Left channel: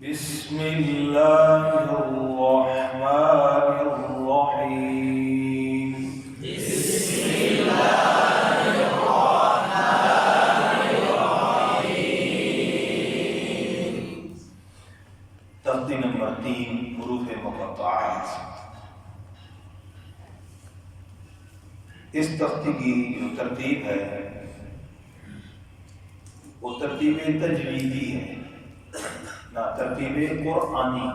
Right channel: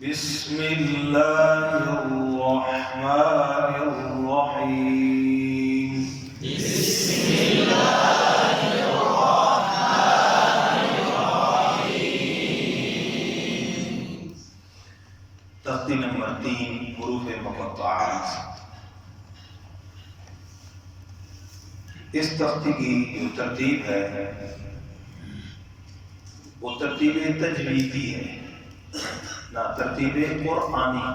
بسم اللہ الرحمن الرحیم بسم اللہ الرحمن الرحیم۔ تختی نمبر 3 حروف مقطعات۔ اس تختی کی جو ترتیب ہے وہ ترتیب تجویدی ہے، نہ ترتیب قرآنی۔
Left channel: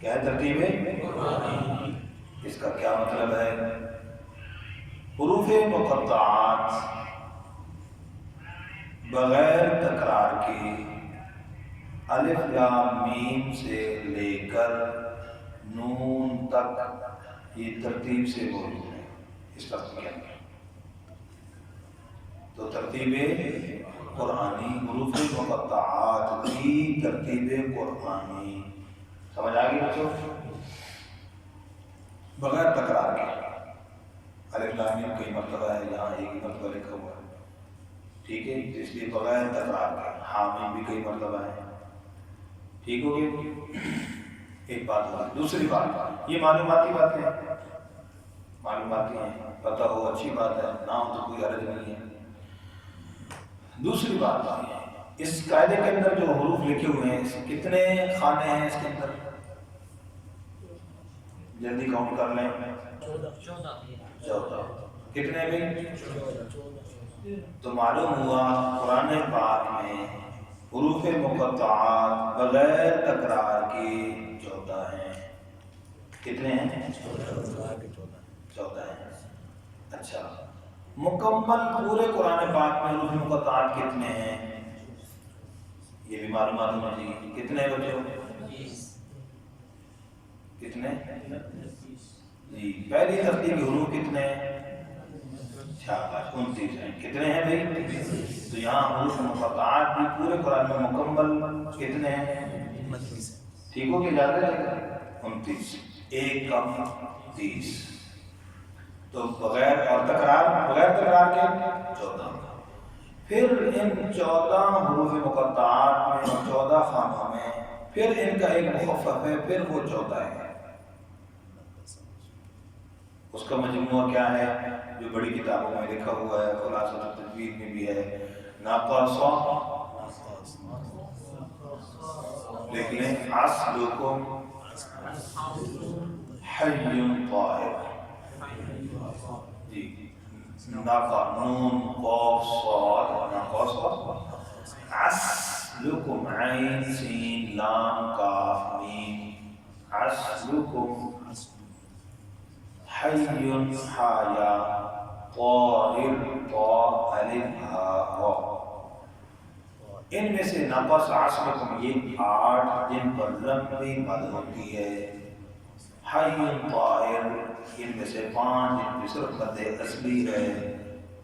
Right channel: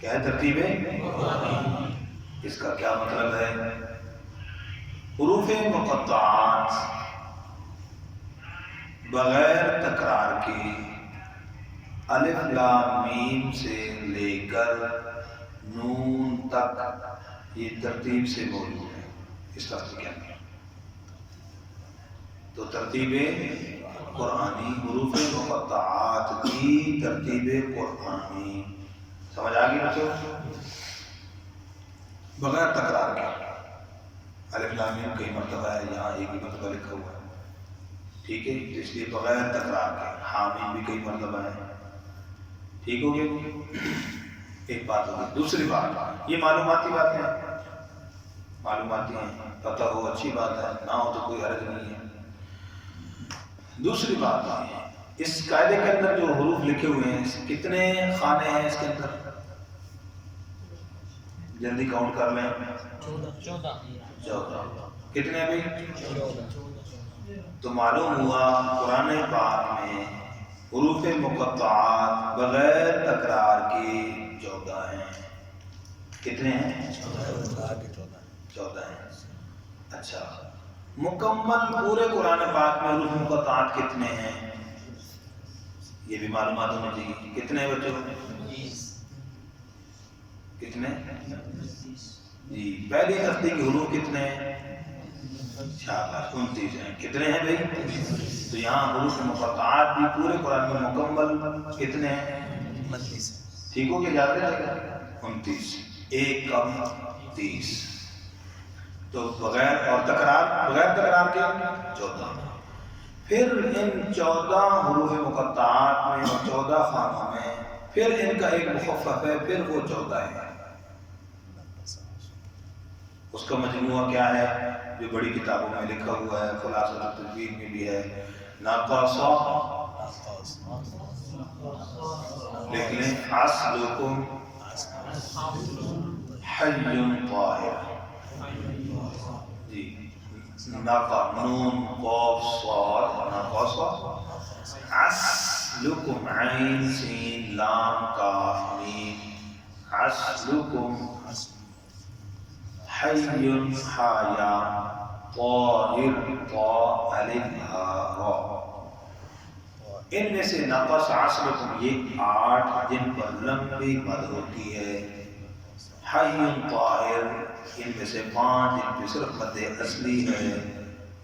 کیا ہے ترتیب قرآنی؟ اس کا کیا مطلب ہے؟ حروف مقطعات بغیر تکرار کے الف لام میم سے لے کر نون تک یہ ترتیب سے موجود ہے اس تختی کے اندر۔ تو ترتیب قرآنی، حروف مقطعات کی ترتیب قرآنی سمجھ آ گئی بچوں؟ بغیر تکرار کے الف لام میم کئی مرتبہ ہے، یہاں ایک ہی مرتبہ لکھا ہوا ہے، ٹھیک ہے؟ اس لیے بغیر تکرار کے حامیم بھی کئی مرتبہ ہے، ٹھیک ہو گئی؟ ایک بات ہوگی۔ دوسری بات، یہ معلوماتی باتیں ہیں، معلوماتی ہیں، پتہ ہو اچھی بات ہے، نہ ہو تو کوئی حرج نہیں ہے۔ دوسری بات ہے اس قاعدے کے اندر جو حروف لکھے ہوئے ہیں کتنے خانے ہیں اس کے اندر؟ جلدی کاؤنٹ کر لیں۔ 14 کتنے بھائی؟ 14۔ تو معلوم ہوا قرآن پاک میں حروف مقطعات بغیر تکرار کے 14 ہیں۔ کتنے ہیں؟ 14 ہیں۔ اچھا، مکمل پورے قرآن پاک میں حروف مقطعات کتنے ہیں یہ بھی معلومات ہونا چاہیے۔ کتنے بچوں؟ 20۔ کتنے؟ جی، پہلی تختی کے حروف کتنے ہیں؟ 29 ہیں۔ کتنے ہیں بھائی؟ تو یہاں حروف مقطعات بھی پورے قرآن میں مکمل کتنے ہیں؟ 29۔ ٹھیک ہو گیا؟ یاد رہے گا 29، ایک کم 30۔ تو بغیر تکرار کے 14۔ پھر ان 14 حروف مقطعات میں 14 خانوں میں پھر ان کا ایک مخفف ہے، پھر وہ 14 ہے۔ اس کا مجموعہ کیا ہے جو بڑی کتابوں میں لکھا ہوا ہے، خلاصۃ التجوید میں بھی ہے، ناقص لکھ لیں، اصلکم حی طاہر، جی، نون قاف صاد، ناقص اصلکم عین سین لام کاف میم، اصلکم حی حایا طاہر طا الف ہا را۔ ان میں سے ناقص اصلکم یہ 8 جن پر لمبی مد ہوتی ہے، حی طاہر ان میں سے 5 جن پہ صرف مد اصلی ہے،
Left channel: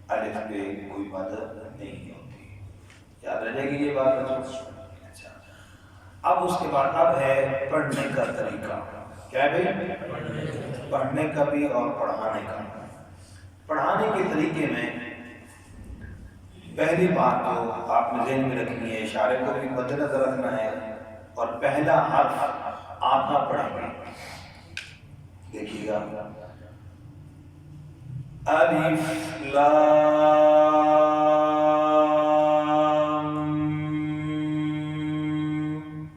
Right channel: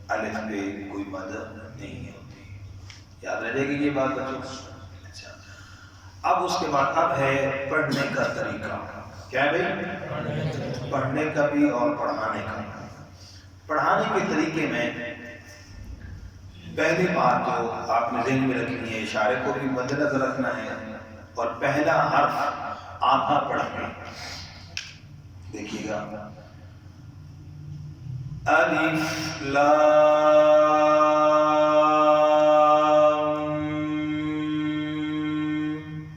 الف پہ کوئی مد نہیں ہوتی۔ یاد رہ جائے گی یہ بات بچوں؟ اچھا، اب اس کے بعد اب ہے پڑھنے کا طریقہ۔ کیا ہے بھائی؟ پڑھنے کا بھی اور پڑھانے کا۔ پڑھانے کے طریقے میں پہلی بات جو آپ نے ذہن میں رکھنی ہے، اشارے کو بھی مد نظر رکھنا ہے، اور پہلا حرف آدھا پڑھیں گے۔ دیکھیے گا، الف لام،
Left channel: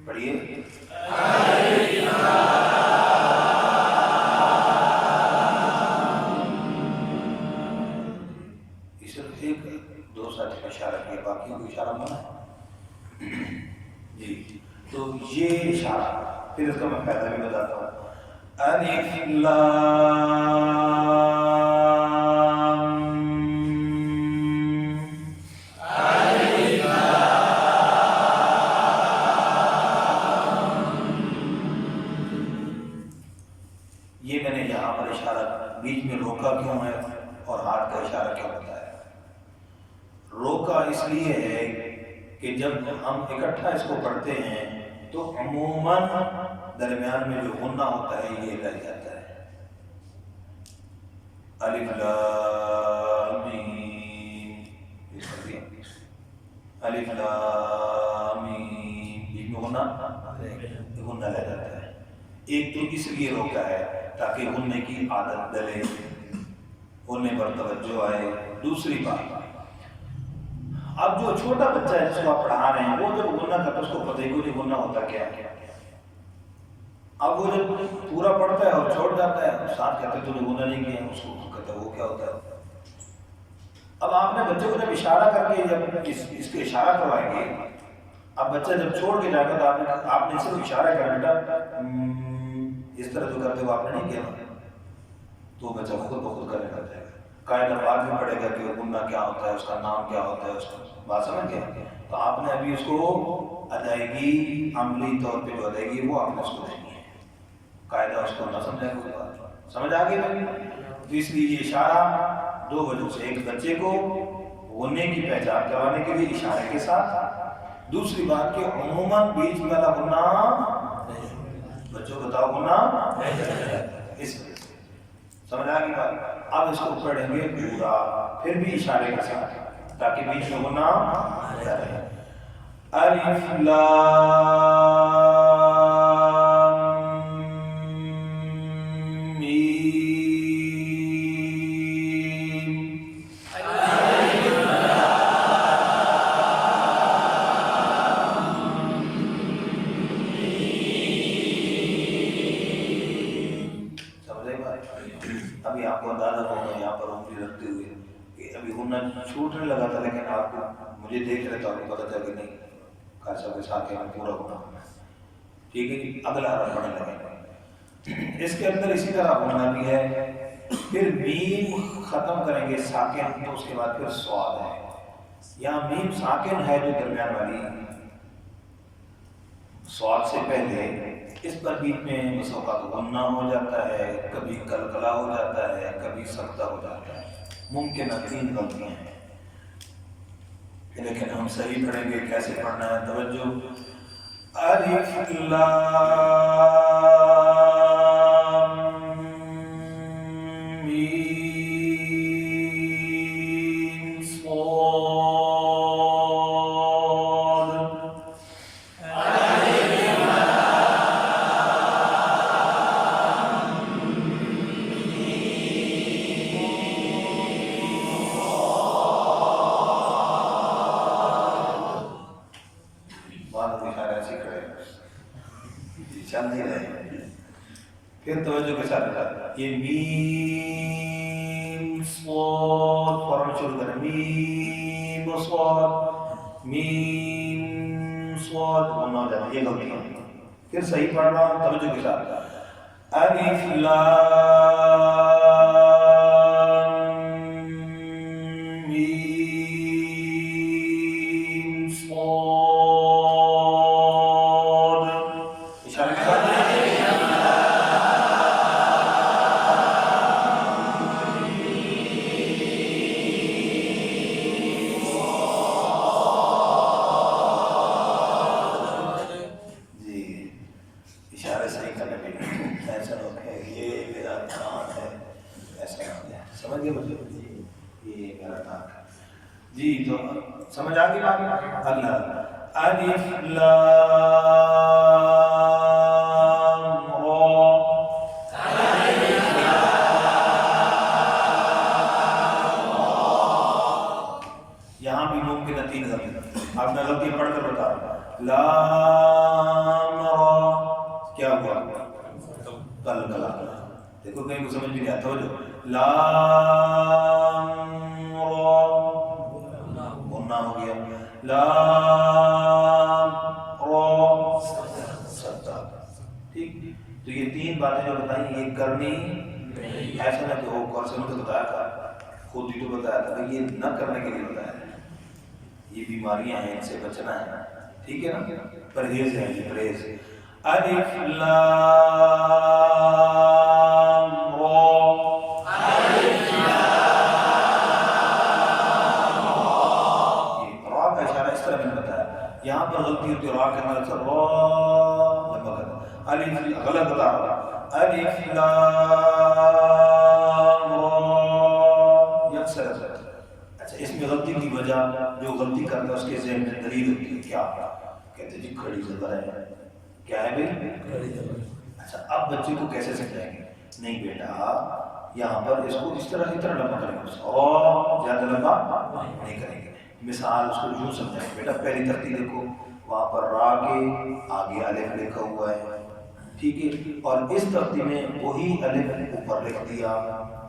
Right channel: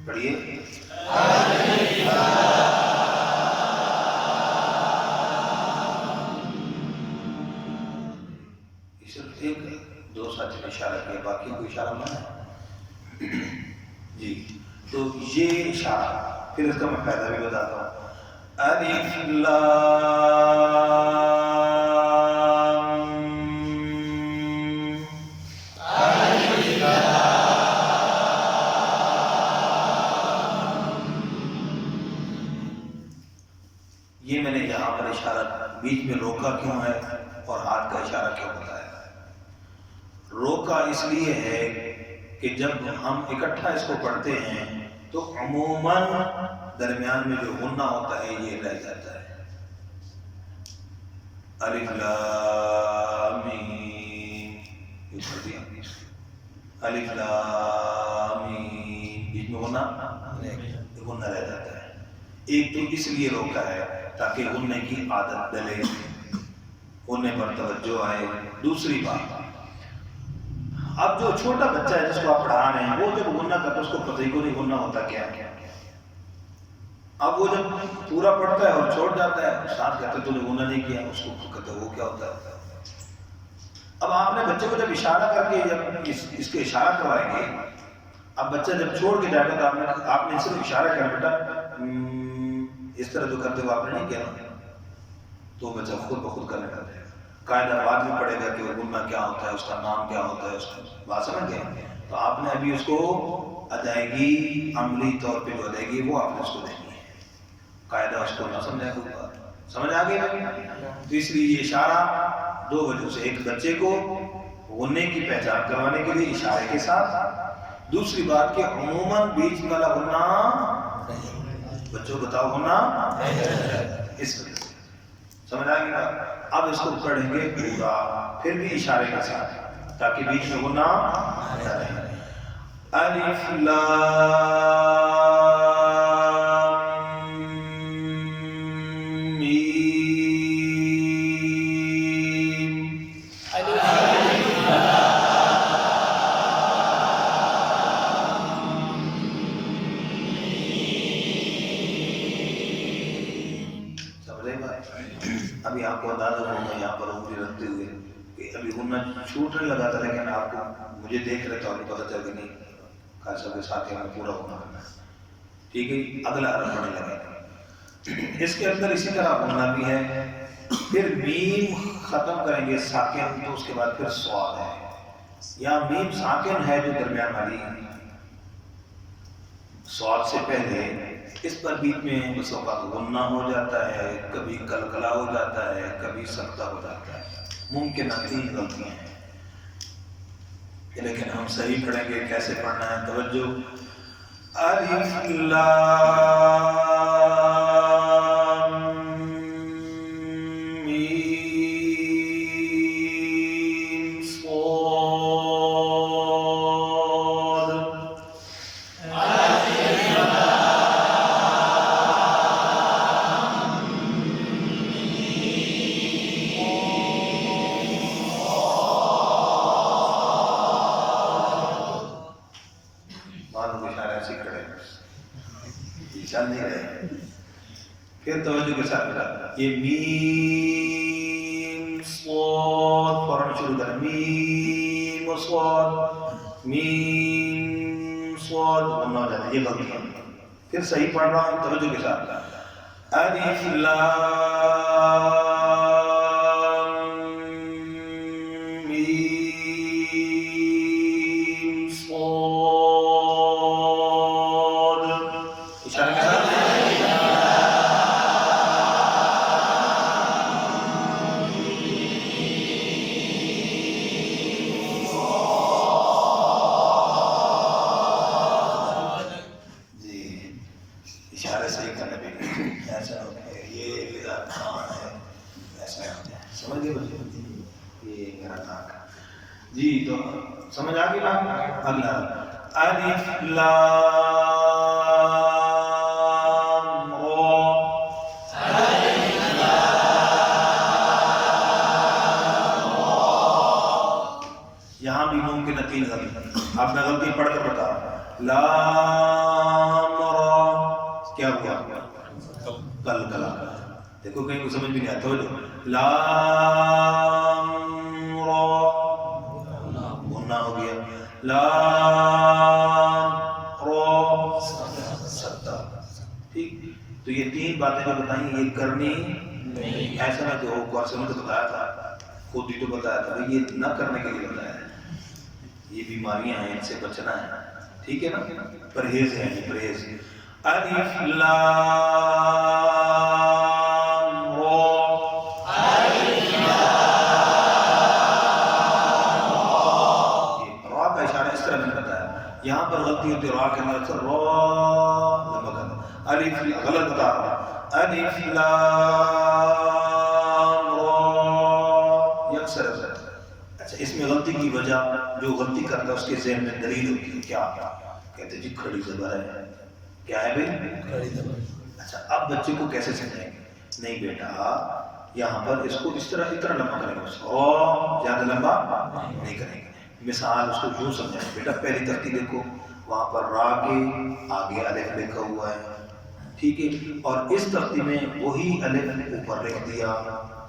پڑھیے، دو ساتھ اشارہ کیا، باقی کوئی اشارہ منع ہے جی۔ تو یہ اشارہ، پھر اس کا میں فائدہ بھی بتاتا ہوں۔ الف لام، یہ میں نے یہاں پر اشارہ بیچ میں روکا کیوں ہے اور ہاتھ کا اشارہ کیوں بتایا؟ روکا اس لیے ہے کہ جب ہم اکٹھا اس کو پڑھتے ہیں تو عموماً درمیان میں جو غنہ ہوتا ہے یہ رہ جاتا ہے۔ الف لام میم، یہ پڑھ دیا، الف لام میم، بیچ میں غنہ رہ جاتا ہے. ایک تو اس لیے روکا ہے تاکہ غننے کی عادت ڈلے، غننے پر توجہ آئے. دوسری بات، اب جو چھوٹا بچہ ہے جس کو آپ پڑھا رہے ہیں وہ جب غنہ کرتا ہے اس کو پتہ ہی کو نہیں غنہ ہوتا کیا ہے. اب وہ جب پورا پڑھتا ہے اور چھوڑ جاتا ہے، ساتھ کہتے تو نے غنہ نہیں کیا، اس کو کہتا ہے وہ کیا ہوتا ہے. اب آپ نے بچے کو جب اشارہ کر کے جب اس کے اشارہ کروائیں گے، اب بچہ جب چھوڑ کے جائے گا تو آپ نے صرف اشارہ کیا بیٹا اس طرح جو کرتے ہو آپ نے نہیں کیا نا، تو بچہ خود بخود کرنے لگ جائے گا. قاعدہ بعد میں پڑھے گا کہ وہ غنہ کیا ہوتا ہے، اس کا نام کیا ہوتا ہے، اس کا بات سمجھ گئے. تو آپ نے ابھی اس کو ادائیگی عملی طور پہ جو ادائیگی وہ آپ نے اس کو دینی ہے. قاعدہ اس کو نہ سمجھا کوئی بات سمجھ آ گئی. تو اس لیے یہ اشارہ دو وجہ سے، ایک بچے کو غننے کی پہچان کروانے کے لیے اشارے کے ساتھ، دوسری بات کہ عموماً بیچ والا غنہ بچوں بتاؤ غنہ اس وجہ سے. سمجھ آ گئی بات. اب اس کو پڑھیں گے پورا پھر بھی اشارے کے ساتھ تاکہ بیچ میں غنہ نہ رہے. الف لام ابھی آپ کو اندازہ ہوگا یہاں پر انگلی رکھتے ہوئے کہ ابھی غنہ چھوٹنے لگا تھا، لیکن آپ کو مجھے دیکھ رہے تو آپ کو پتہ چل کہ نہیں قاری صاحب کے ساتھ ہمیں پورا غنہ کرنا ہے. ٹھیک ہے جی. اگلا حرف پڑھنے لگے. اس کے اندر اسی طرح غنہ بھی ہے. پھر میم ختم کریں گے ساکن، تو اس کے بعد پھر صاد ہے. یہاں میم ساکن ہے جو درمیان والی صاد سے پہلے، اس پر بیچ میں بس اوقات غنہ ہو جاتا ہے، کبھی کلکلا ہو جاتا ہے، کبھی سکتہ ہو جاتا ہے. ممکنہ 3 غلطیاں ہیں، لیکن ہم صحیح پڑھیں گے. کیسے پڑھنا ہے؟ توجہ. الف لام میم صاد. چل نہیں رہے. پھر توجہ کے ساتھ بتا، یہ میم صاد فوراً شروع کریں. میم صاد میم صاد غنہ ہو جاتا ہے، یہ غلطی ہے. پھر صحیح پڑھ رہا ہوں توجہ کے ساتھ. الف لام جی. تو سمجھ آ گئی بات. اگلا الف لام را. یہاں بھی ممکن ہے 3 غلطی. اب میں غلطی پڑھ کر بتا رہا ہوں. لام را کیا ہوا؟ کلکلا. دیکھو کہیں کو سمجھ بھی نہیں آتا. ہو جو لام را غنہ ہو گیا. لام را سکتہ. ٹھیک. تو یہ 3 باتیں جو بتائیں یہ کرنی نہیں. ایسا نہ کہ وہ کورس نے تو بتایا تھا، خود ہی تو بتایا تھا، یہ نہ کرنے کے لیے بتایا ہے. یہ بیماریاں ہیں، ان سے بچنا ہے. ٹھیک ہے نا. پرہیز ہے یہ پرہیز. الف لام را. یہاں پر غلطی ہوتی ہے را کے اندر را لمبا کرنا. الف غلط بتا رہا. الف لام را یکسر. اچھا اس میں غلطی کی وجہ جو غلطی کرتا ہے اس کے ذہن میں دلیل ہوتی ہے کیا کہ کہتے جی کھڑی زبر ہے. کیا ہے بھائی؟ کھڑی زبر. اچھا اب بچے کو کیسے سمجھائیں گے؟ نہیں بیٹا یہاں پر اس کو اس طرح لمبا کریں گے اور زیادہ لمبا نہیں کریں گے. مثال اس کو یوں سمجھائیں بیٹا پہلی ترتیب دیکھو وہاں پر را کے آگے الف لکھا ہوا ہے ٹھیک ہے اور اس ترتیب میں وہی الف اوپر لکھ دیا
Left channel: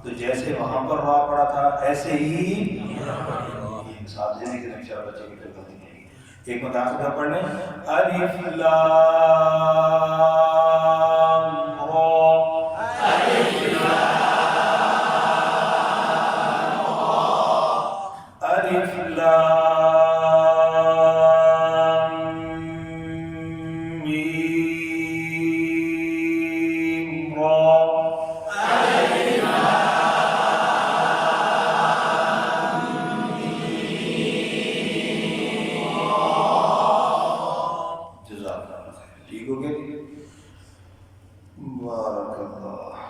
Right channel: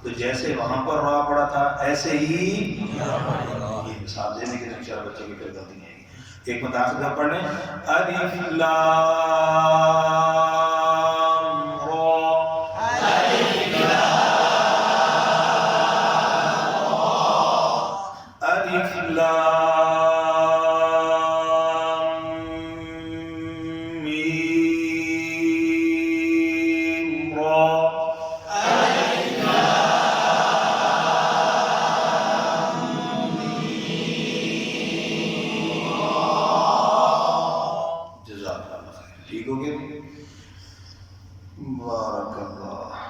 تو جیسے وہاں پر را پڑا تھا ایسے ہی یہ مثال دینے کے لیے بچے کی پھر غلطی نہیں آئے گی. ایک متاثر پڑھ لیں الف لام ٹھیک ہو گیا. بارک اللہ.